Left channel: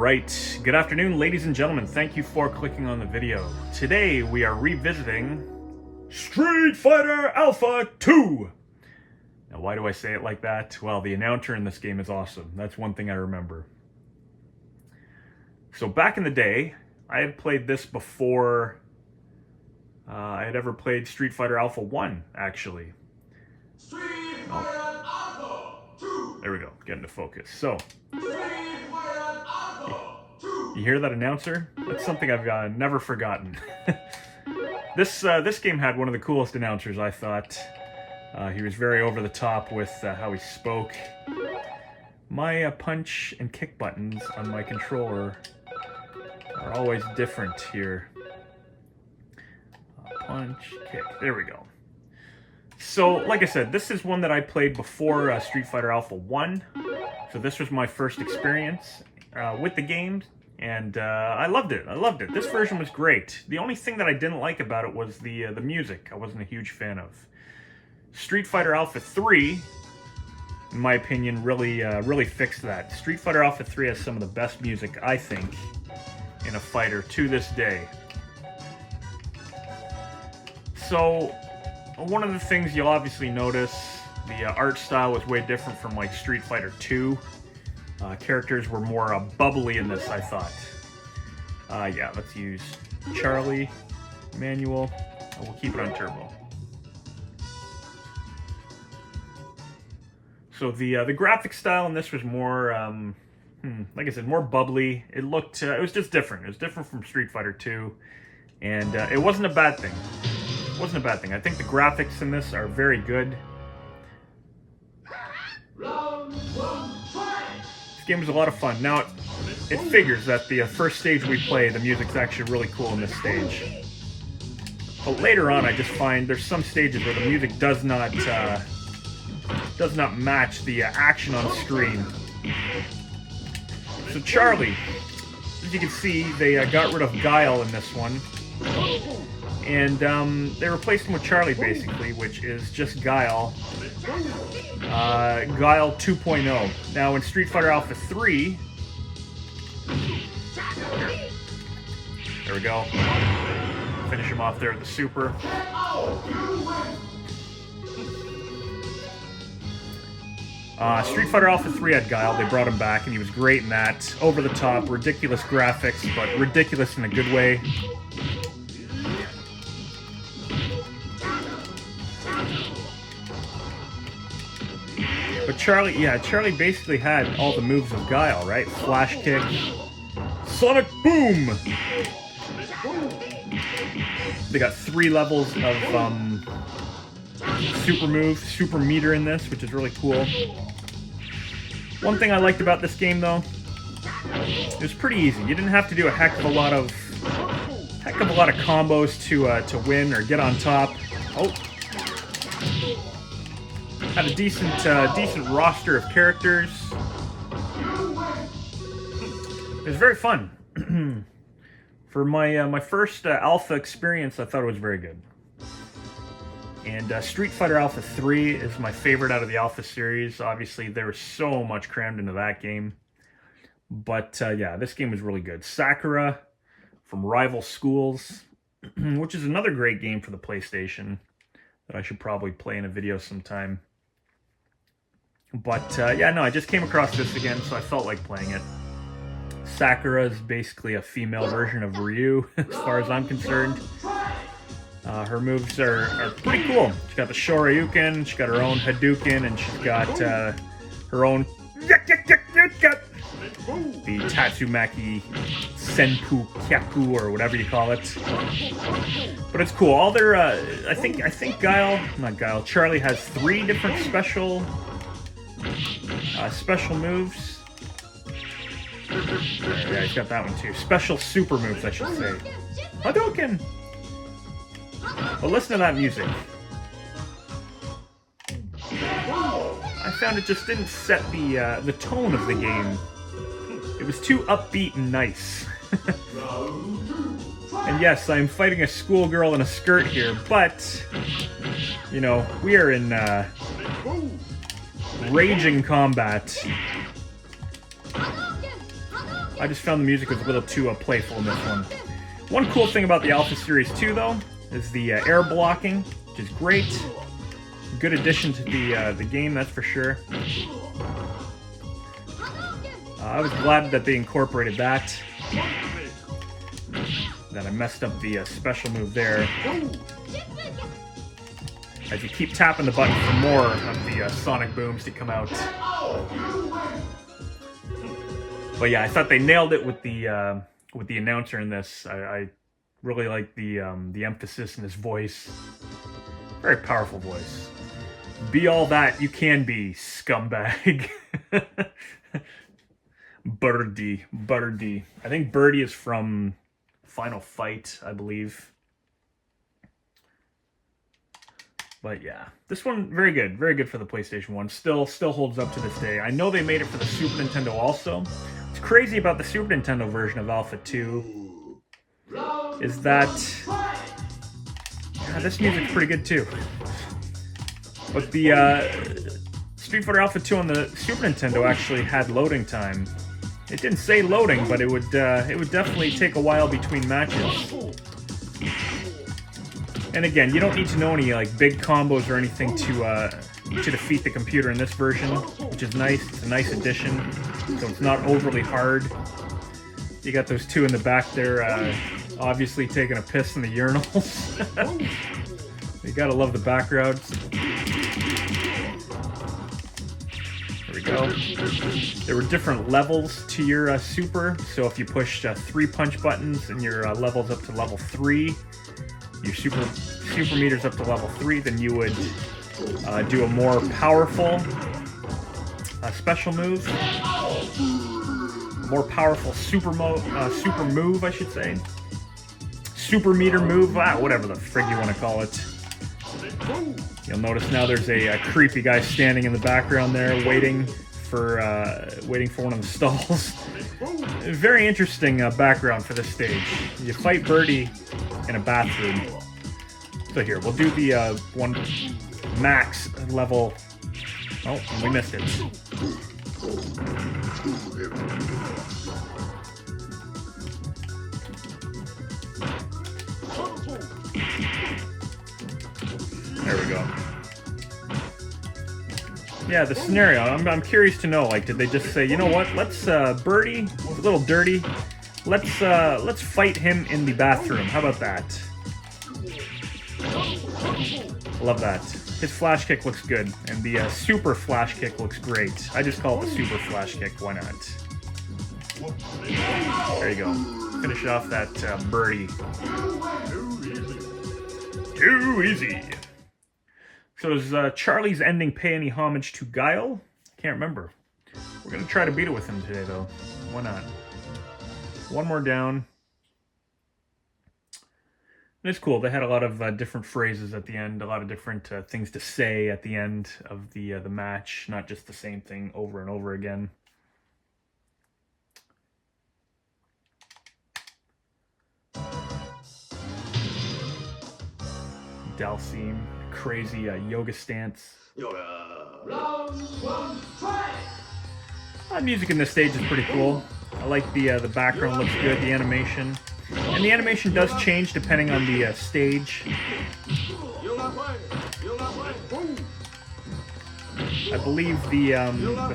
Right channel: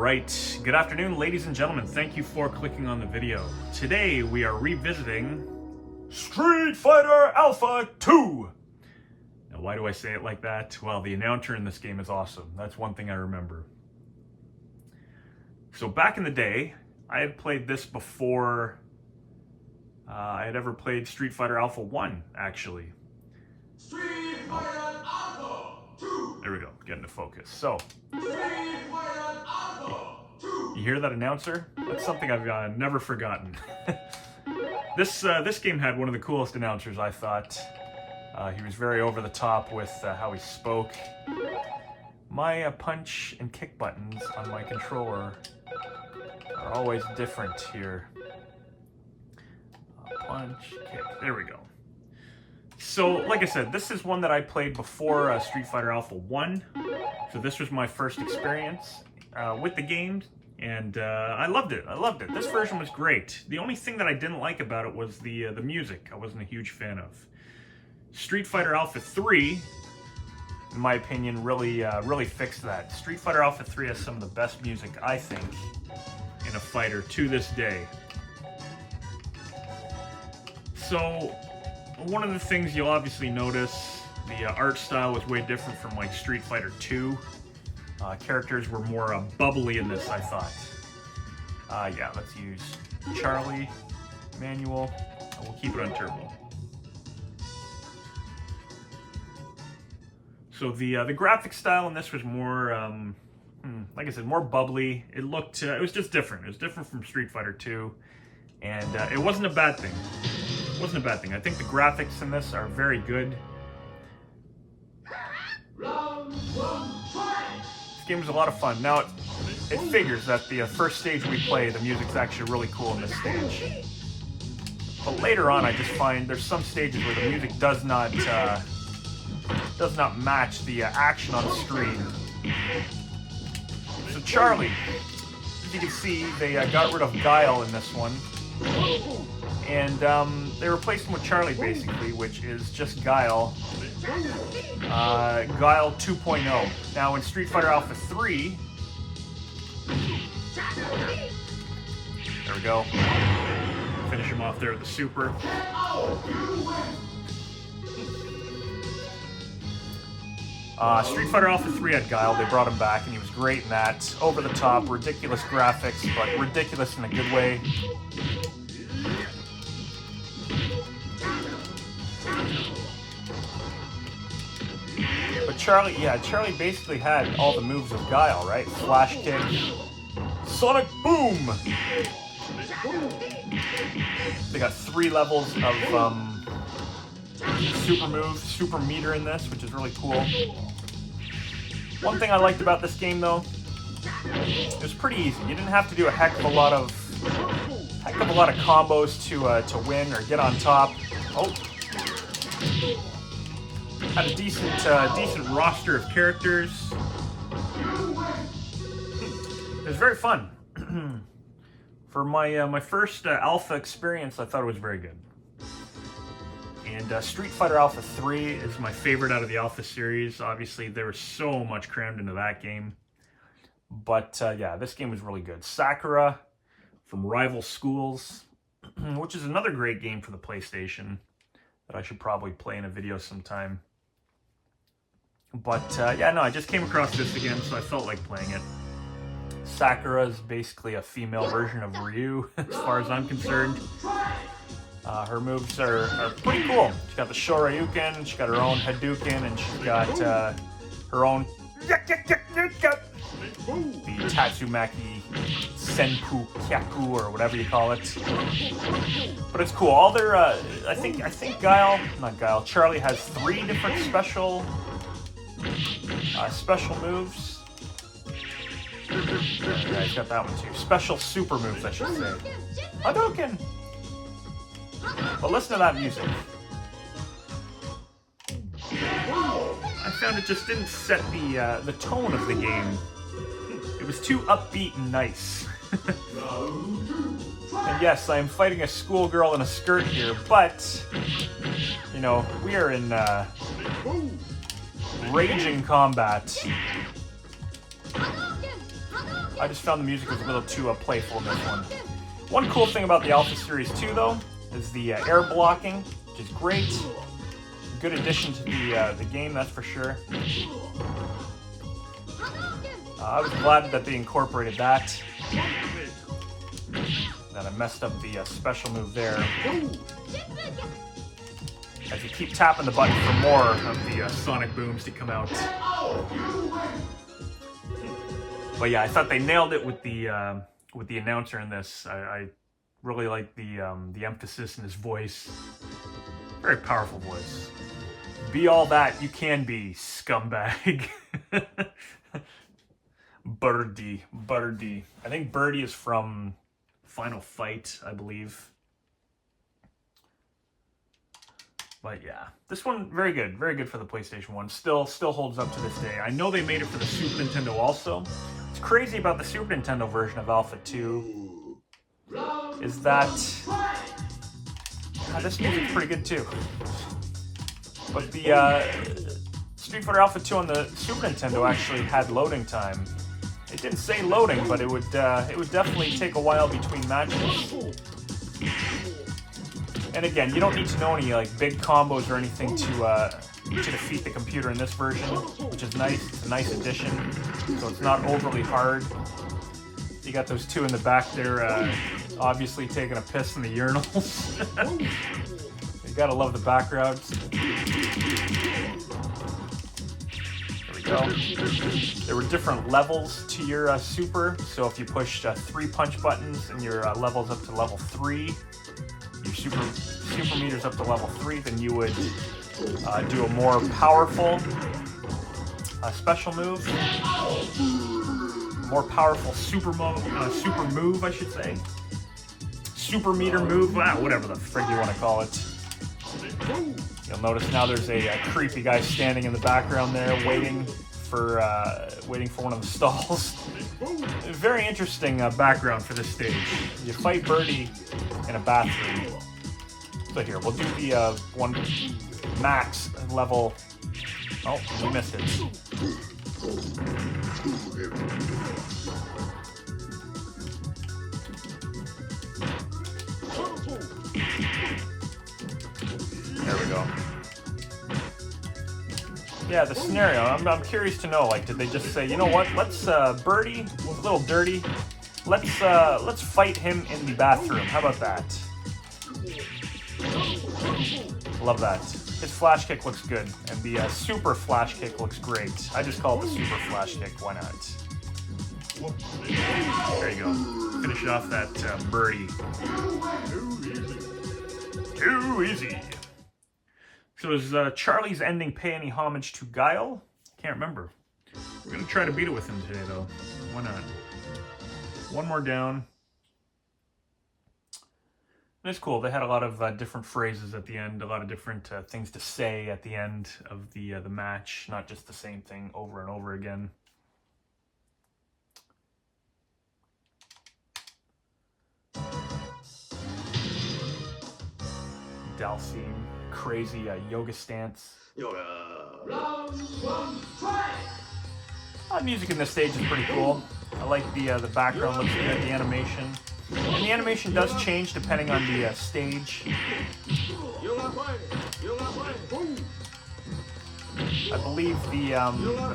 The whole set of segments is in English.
Alright, good afternoon ladies and gentlemen, thank you for clicking on the video. Today we are revisiting Street Fighter Alpha 2! Now why do I say it like that? Well, the announcer in this game is awesome, that's one thing I remember. So back in the day, I had played this before I had ever played Street Fighter Alpha 1, actually. Street Fighter Alpha 2! There we go, getting to focus. So, Street Fighter Alpha 2! you hear that announcer? That's something I've never forgotten. This game had one of the coolest announcers, I thought. He was very over the top with how he spoke. My punch and kick buttons on my controller are always different here. Punch, kick, there we go. So, like I said, this is one that I played before Street Fighter Alpha 1. So this was my first experience with the game, and I loved it. This version was great. The only thing that I didn't like about it was the music. I wasn't a huge fan of. Street Fighter Alpha 3, in my opinion, really fixed that. Street Fighter Alpha 3 has some of the best music, I think, in a fighter to this day. So, one of the things you'll obviously notice, the art style was way different from like Street Fighter 2. Characters were more bubbly in this, I thought. Yeah, let's use Charlie, manual. We'll keep it on turbo. So the graphic style in this was more, like I said, more bubbly. It looked, it was just different. It was different from Street Fighter 2, and it wasn't a bad thing. It wasn't a bad thing. I think the graphics in this are very good. This game was a lot of fun. Now, it figures that the first stage we play, the music's actually really cool in this stage. But later on, I just find there's some stages where the music does not match the action on the screen. So Charlie, as you can see, they got rid of Guile in this one. And they replaced him with Charlie, basically, which is just Guile. Guile 2.0. Now, in Street Fighter Alpha 3... There we go. Finish him off there at the super. Street Fighter Alpha 3 had Guile. They brought him back, and he was great in that. Over the top, ridiculous graphics, but ridiculous in a good way. But Charlie basically had all the moves of Guile, right? Flash kick, sonic boom. They got 3 levels of super moves, super meter in this, which is really cool. One thing I liked about this game, though, it was pretty easy. You didn't have to do a heck of a lot of combos to win or get on top. Oh. Had a decent roster of characters. It was very fun. For my first Alpha experience, I thought it was very good. And Street Fighter Alpha 3 is my favorite out of the Alpha series. Obviously, there was so much crammed into that game. But yeah, this game was really good. Sakura from Rival Schools, which is another great game for the PlayStation that I should probably play in a video sometime. But yeah, no, I just came across this again, so I felt like playing it. Sakura is basically a female version of Ryu, as far as I'm concerned. Her moves are pretty cool. She's got the Shoryuken, she's got her own Hadouken, and she's got her own the Tatsumaki Senpu Kyaku, or whatever you call it. But it's cool. All their I think Charlie has 3 different special moves. Yeah, he's got that one too. Special super moves, I should say. Hadouken! But listen to that music. I found it just didn't set the tone of the game. It was too upbeat and nice. And yes, I'm fighting a schoolgirl in a skirt here, but, you know, we are in raging combat. I just found the music was a little too playful in this one. One cool thing about the Alpha Series 2, though, is the air blocking, which is great. Good addition to the game, that's for sure. I was glad that they incorporated that. That I messed up the special move there. As you keep tapping the button for more of the sonic booms to come out. But yeah, I thought they nailed it with the announcer in this. I really like the emphasis in his voice. Very powerful voice. Be all that you can be, scumbag. Birdie. I think Birdie is from Final Fight, I believe. But yeah, this one, very good for the PlayStation 1. Still holds up to this day. I know they made it for the Super Nintendo also. What's crazy about the Super Nintendo version of Alpha 2 is that this music's pretty good too. But the Street Fighter Alpha 2 on the Super Nintendo actually had loading time. It didn't say loading, but it would definitely take a while between matches. And again, you don't need to know any like big combos or anything to defeat the computer in this version, which is nice. It's a nice addition, so it's not overly hard. You got those two in the back there, obviously taking a piss in the urinals. You gotta love the backgrounds. There we go. There were different levels to your super, so if you pushed 3 punch buttons and your level's up to level 3, your super meter's up to level 3, then you would do a more powerful special move, more powerful super move, I should say. Super meter move, whatever the frig you want to call it. You'll notice now there's a creepy guy standing in the background there, waiting for one of the stalls. Very interesting background for this stage. You fight Birdie in a bathroom. So here, we'll do the one max level. Oh, we missed it. There we go. Yeah, the scenario, I'm curious to know, like, did they just say, you know what, let's, Birdie, a little dirty, let's fight him in the bathroom, how about that? Love that. His flash kick looks good, and the super flash kick looks great. I just call it the super flash kick, why not? There you go. Finish off that Birdie. Too easy. So does Charlie's ending pay any homage to Guile? Can't remember. We're going to try to beat it with him today, though. Why not? One more down. It's cool. They had a lot of different phrases at the end, a lot of different things to say at the end of the match, not just the same thing over and over again. Dhalsim, crazy yoga stance. Round 1, fight! Music in this stage is pretty cool. I like the background looks good, the animation. And the animation does change depending on the stage. I believe the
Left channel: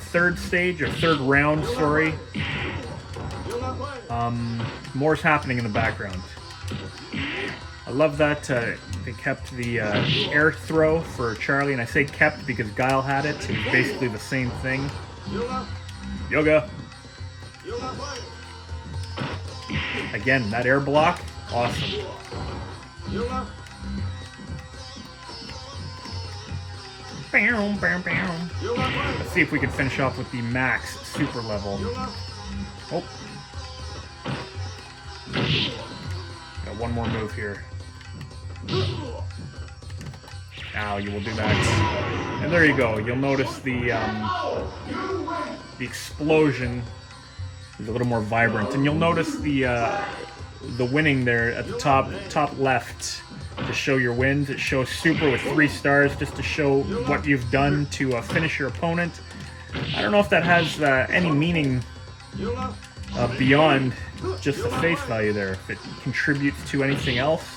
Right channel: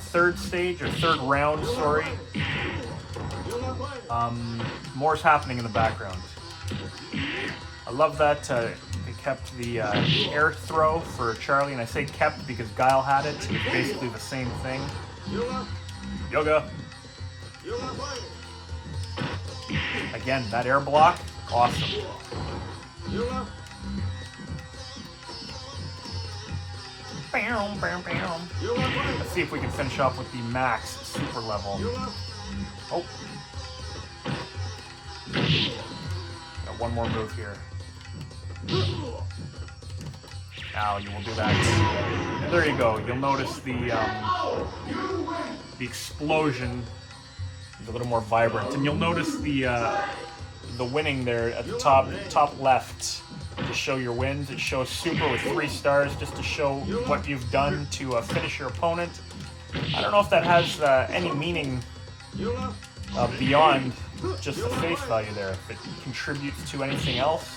third stage, or third round, sorry, more's happening in the background. I love that they kept the air throw for Charlie, and I say kept because Guile had it. It's basically the same thing. Yoga. Again, that air block, awesome. Let's see if we can finish off with the max super level. Oh. Got one more move here. Now you will do that. And there you go. You'll notice the explosion is a little more vibrant, and you'll notice the winning there at the top left to show your wins. It shows super with 3 stars just to show what you've done to finish your opponent. I don't know if that has any meaning beyond just the face value there. If it contributes to anything else.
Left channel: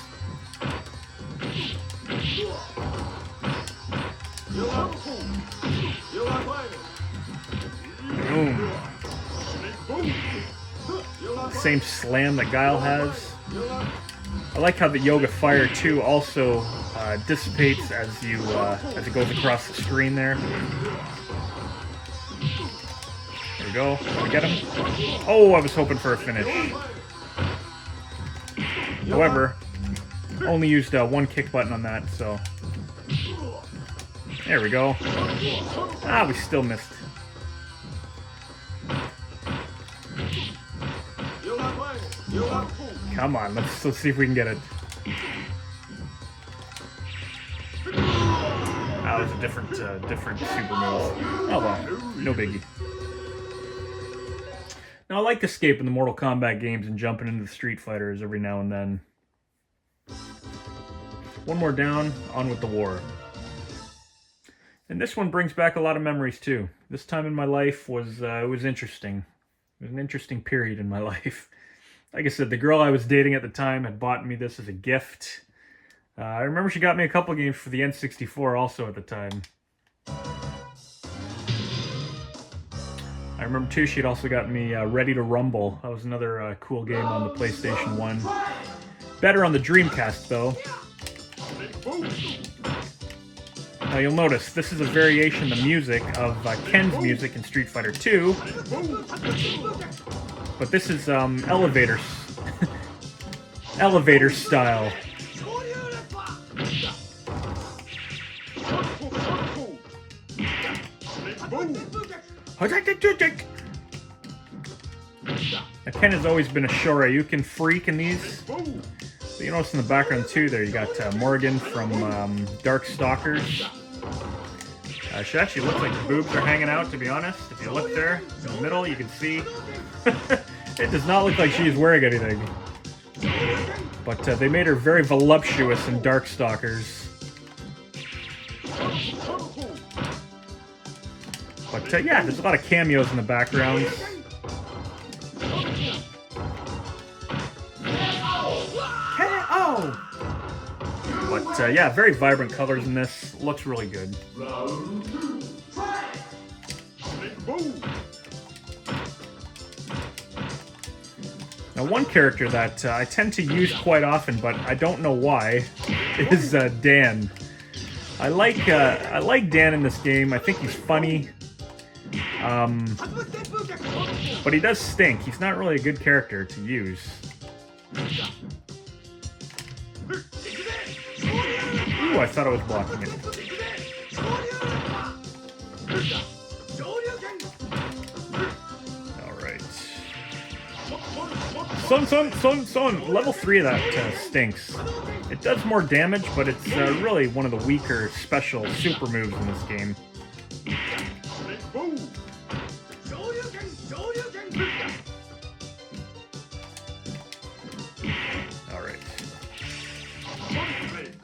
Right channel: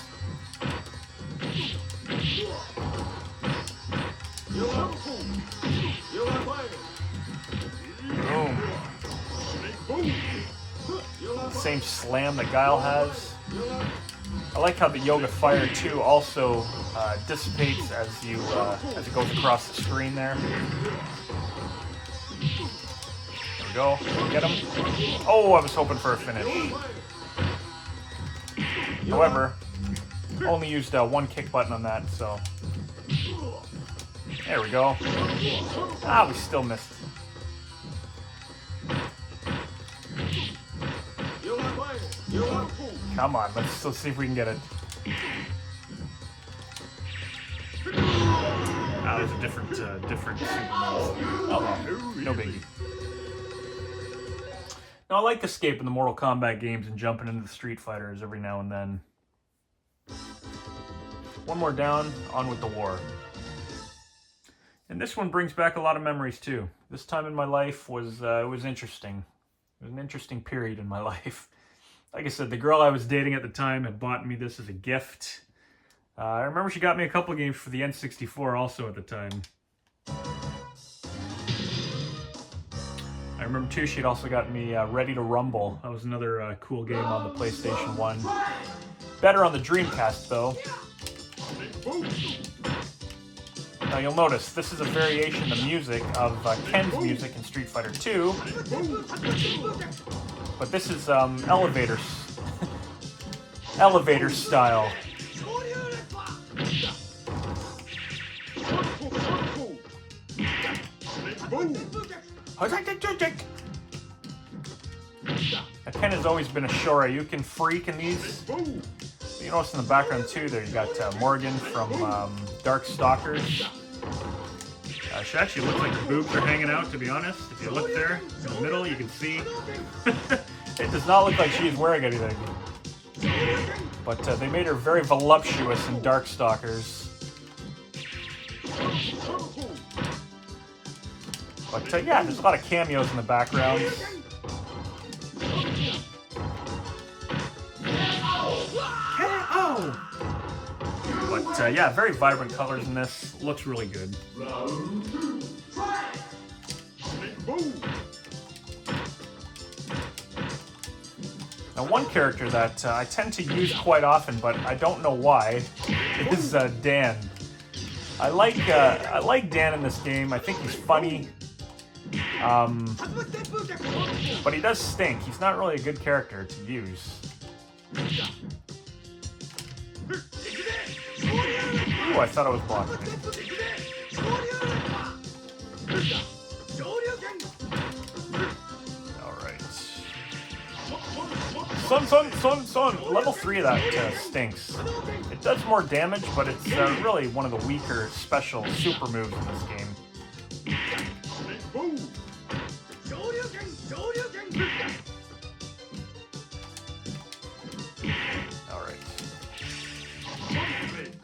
Boom. Same slam that Guile has. I like how the Yoga Fire too also dissipates as it goes across the screen there. There we go. Get him. Oh, I was hoping for a finish. However, only used one kick button on that, so there we go. Ah, we still missed. Come on, let's see if we can get it. Ah, there's a different super move. Oh, no biggie. Now, I like escaping the Mortal Kombat games and jumping into the Street Fighters every now and then. One more down, on with the war. And this one brings back a lot of memories too. This time in my life was interesting. It was an interesting period in my life. Like I said, the girl I was dating at the time had bought me this as a gift. I remember she got me a couple games for the N64 also at the time. I remember too, she'd also got me Ready to Rumble. That was another cool game on the PlayStation 1. Better on the Dreamcast though. Now you'll notice, this is a variation of the music of Ken's music in Street Fighter 2. But this is elevator style. Now, Ken has always been a Shoryuken freak in these. But you notice in the background too there you got Morgan from Darkstalkers. She actually looks like the boobs are hanging out, to be honest. If you look there, in the middle, you can see. It does not look like she is wearing anything. But they made her very voluptuous in Darkstalkers. But yeah, there's a lot of cameos in the background. KO! But yeah, very vibrant colors in this. Looks really good. Now, one character that I tend to use quite often, but I don't know why, is Dan. I like Dan in this game. I think he's funny. But he does stink. He's not really a good character to use. Ooh, I thought I was blocking it. Alright. Son! Level 3 of that stinks. It does more damage, but it's really one of the weaker special super moves in this game.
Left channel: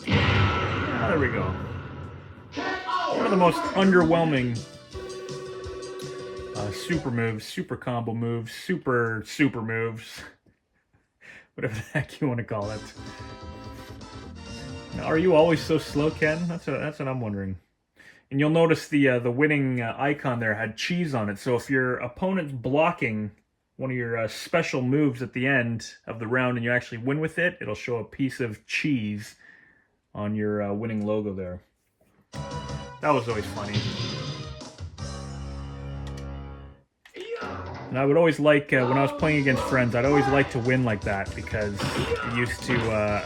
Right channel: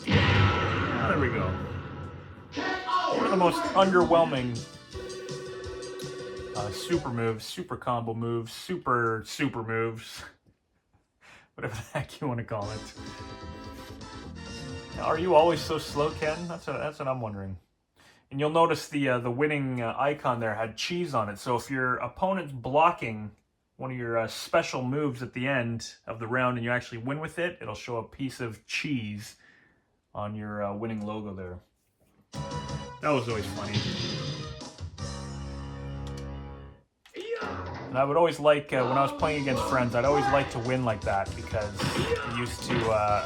There we go. One of the most underwhelming super moves, super combo moves, super moves, whatever the heck you want to call it. Now, are you always so slow, Ken? That's what I'm wondering. And you'll notice the winning icon there had cheese on it. So if your opponent's blocking one of your special moves at the end of the round and you actually win with it, it'll show a piece of cheese on your winning logo there. That was always funny. And I would always like, when I was playing against friends, I'd always like to win like that because it used to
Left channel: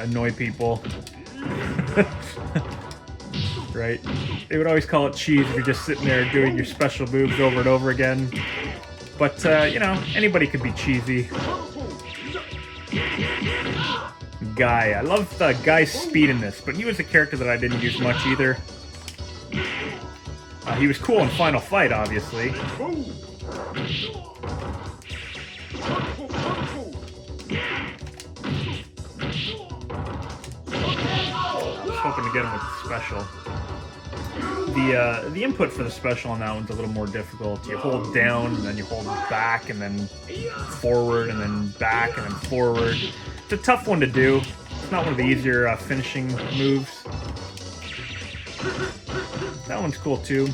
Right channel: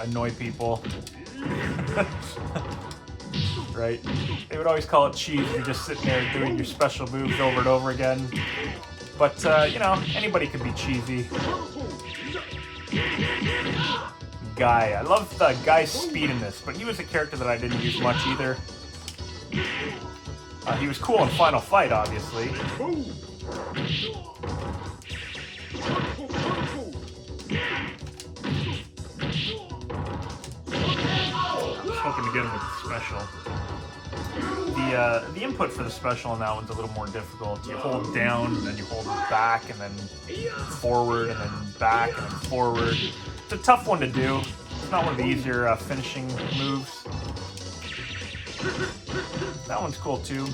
annoy people. Right? They would always call it cheese if you're just sitting there doing your special moves over and over again. But, you know, anybody could be cheesy. Guy. I love Guy's speed in this, but he was a character that I didn't use much either. He was cool in Final Fight, obviously. Just hoping to get him with the special. The input for the special on that one's a little more difficult. You hold down, and then you hold back, and then forward, and then back, and then forward. It's a tough one to do. It's not one of the easier finishing moves. That one's cool too.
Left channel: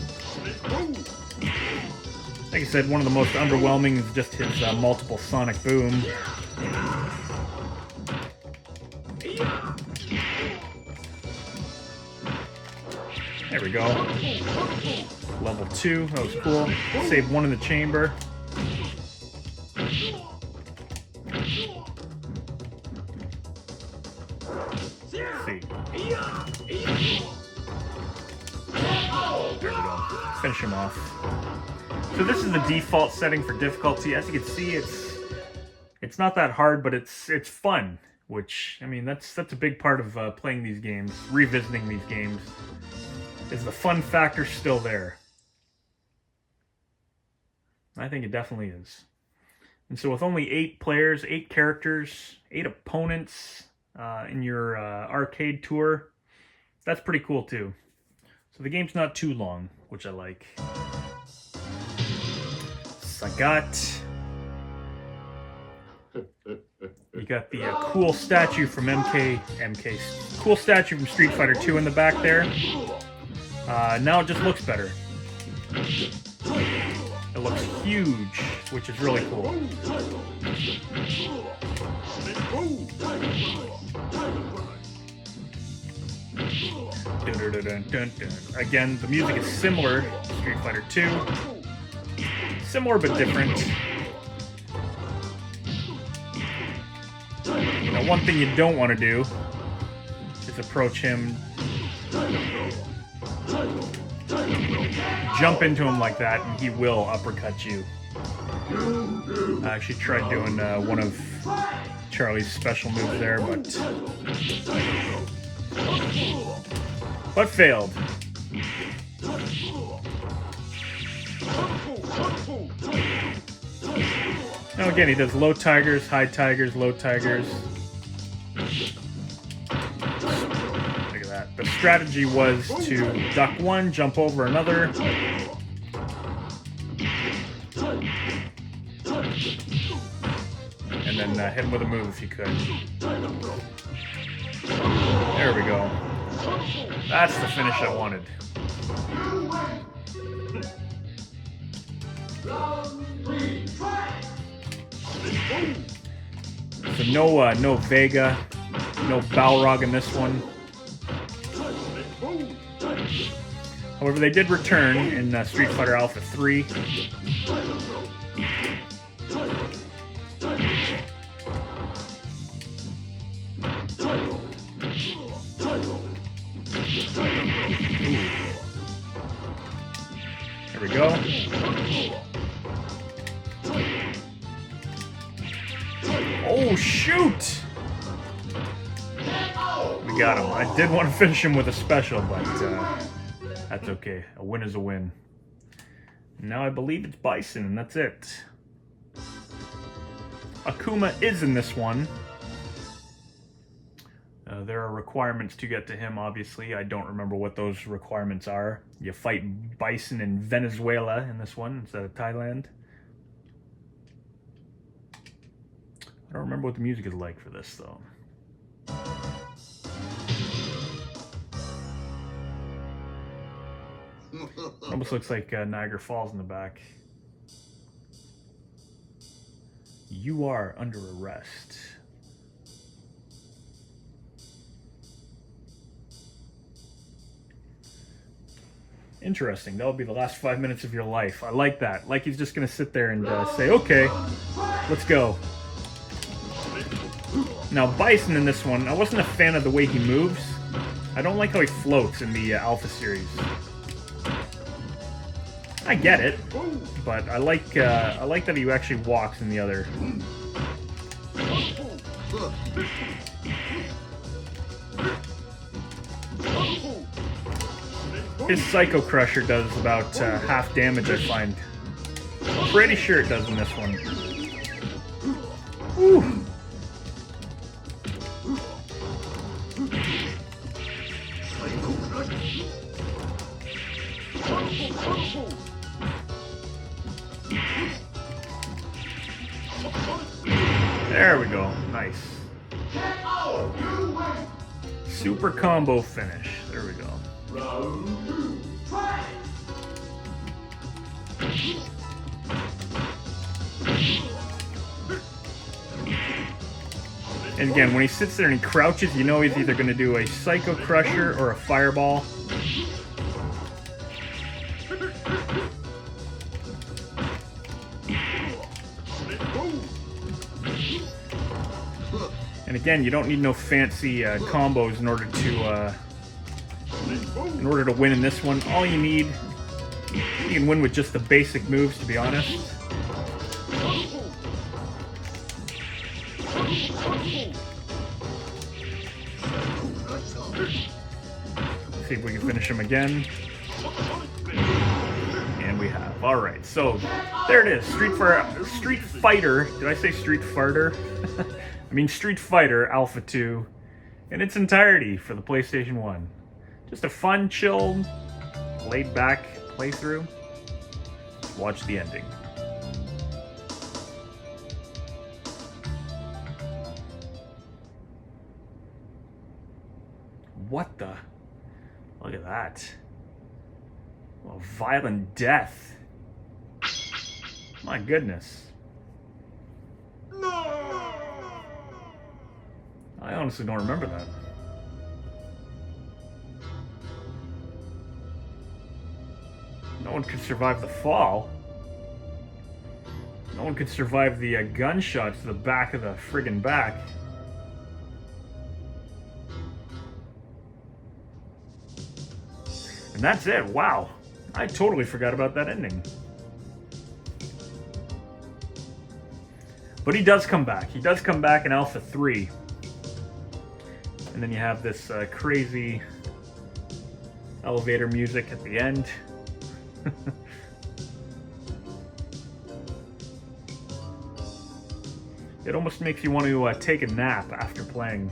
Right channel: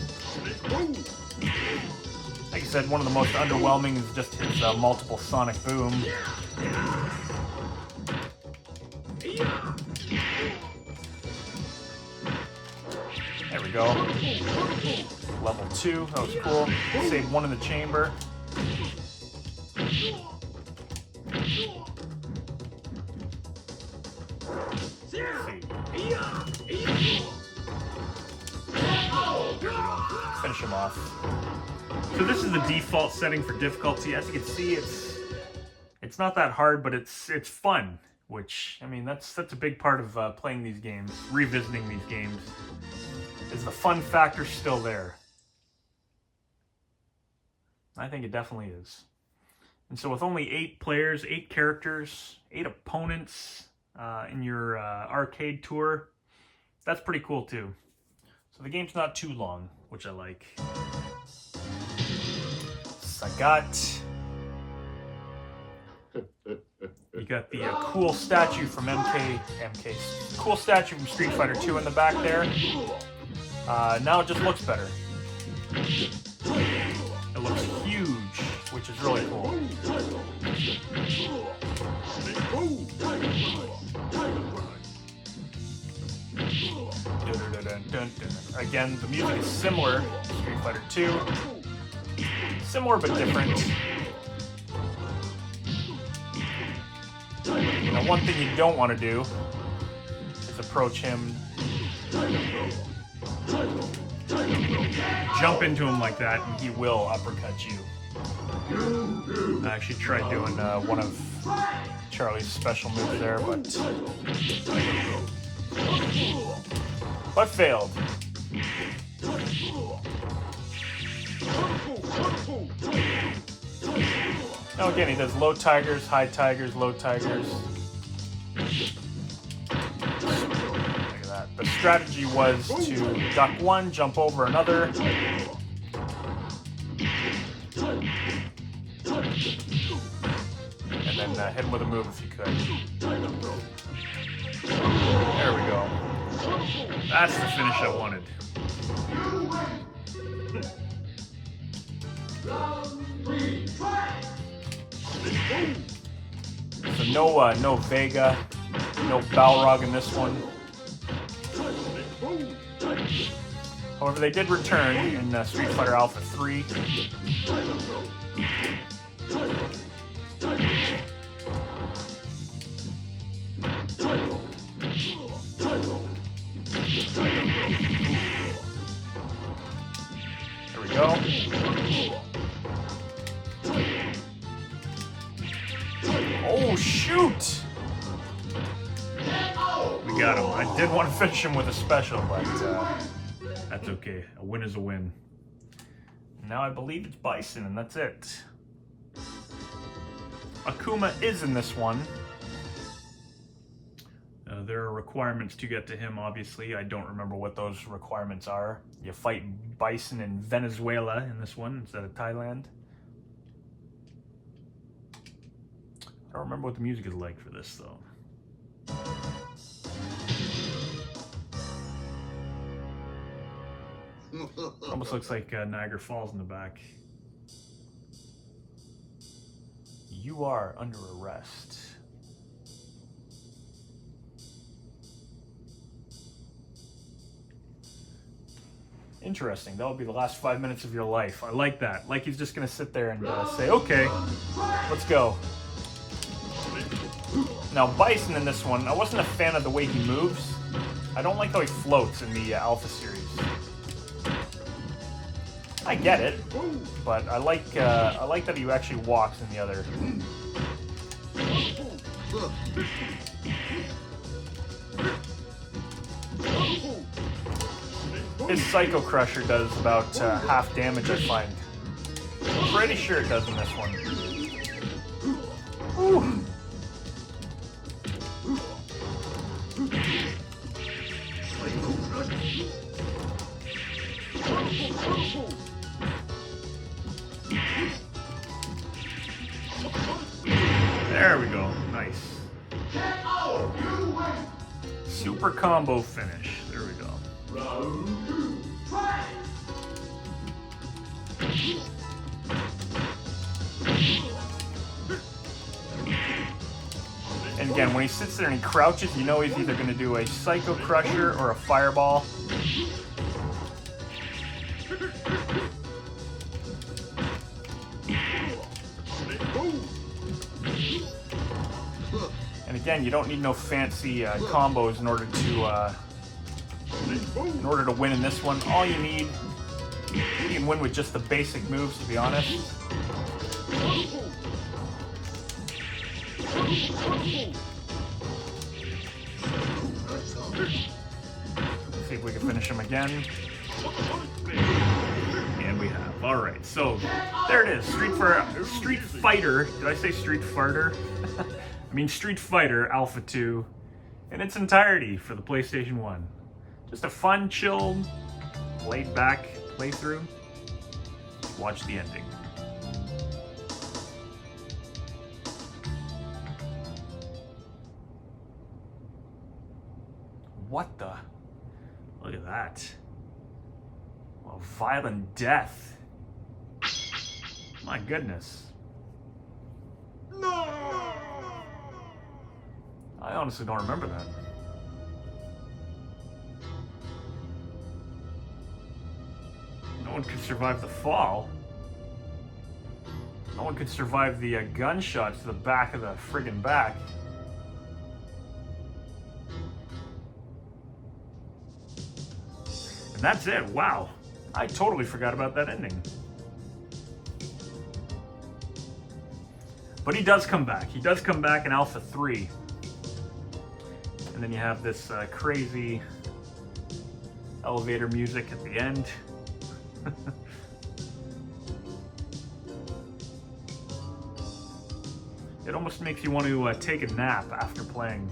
Like I said, one of the most underwhelming is just his multiple sonic boom. There we go. Level 2, that was cool. Saved one in the chamber. See. There we go. Finish him off. So this is the default setting for difficulty. As you can see, it's not that hard, but it's fun. Which, I mean, that's a big part of playing these games, revisiting these games. Is the fun factor still there? I think it definitely is. And so with only 8 players, 8 characters, 8 opponents in your arcade tour, that's pretty cool too. So the game's not too long, which I like. Sagat. You got the cool statue from cool statue from Street Fighter 2 in the back there. Now it just looks better. It looks huge, which is really cool. Again, the music is similar to Street Fighter 2. Similar but different. But one thing you don't want to do is approach him, jump into him like that, and he will uppercut you. I actually tried doing one of Charlie's special moves there, but failed. Now again, he does low tigers, high tigers, low tigers. Look at that. The strategy was to duck one, jump over another. And then hit him with a move if you could. There we go. That's the finish I wanted. So no Vega, no Balrog in this one. However, they did return in Street Fighter Alpha 3. There we go. Oh, shoot! We got him. I did want to finish him with a special, but that's okay. A win is a win. Now I believe it's Bison, and that's it. Akuma is in this one. There are requirements to get to him, obviously. I don't remember what those requirements are. You fight Bison in Venezuela in this one instead of Thailand. I don't remember what the music is like for this, though. Almost looks like Niagara Falls in the back. You are under arrest. Interesting. That'll be the last 5 minutes of your life. I like that. Like he's just going to sit there and say, okay, let's go. Now, Bison in this one, I wasn't a fan of the way he moves. I don't like how he floats in the Alpha series. I get it, but I like that he actually walks in the other. His Psycho Crusher does about half damage, I find. I'm pretty sure it does in this one. Ooh. There we go. Nice. Super combo finish. There we go. Round 2, fight! And again, when he sits there and he crouches, you know he's either going to do a Psycho Crusher or a Fireball. And again, you don't need no fancy combos in order to win in this one. All you need, you can win with just the basic moves, to be honest. Let's see if we can finish him again. And we have. All right, so there it is. Street Fighter. Did I say Street Fighter? I mean Street Fighter Alpha 2 in its entirety for the PlayStation 1. Just a fun, chilled, laid-back playthrough. Watch the ending. What the? Look at that. A violent death. My goodness. I honestly don't remember that. No one could survive the fall. No one could survive the gunshot to the back of the friggin' back. And that's it. Wow. I totally forgot about that ending. But he does come back. He does come back in Alpha 3. And then you have this crazy elevator music at the end. It almost makes you want to take a nap after playing.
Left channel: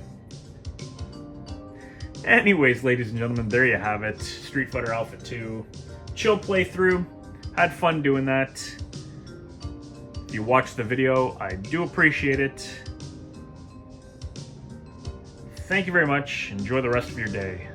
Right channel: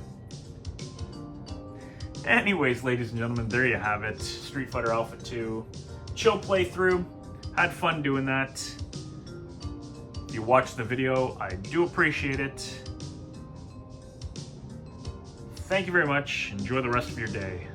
Anyways, ladies and gentlemen, there you have it. Street Fighter Alpha 2. Chill playthrough. Had fun doing that. If you watched the video, I do appreciate it. Thank you very much. Enjoy the rest of your day.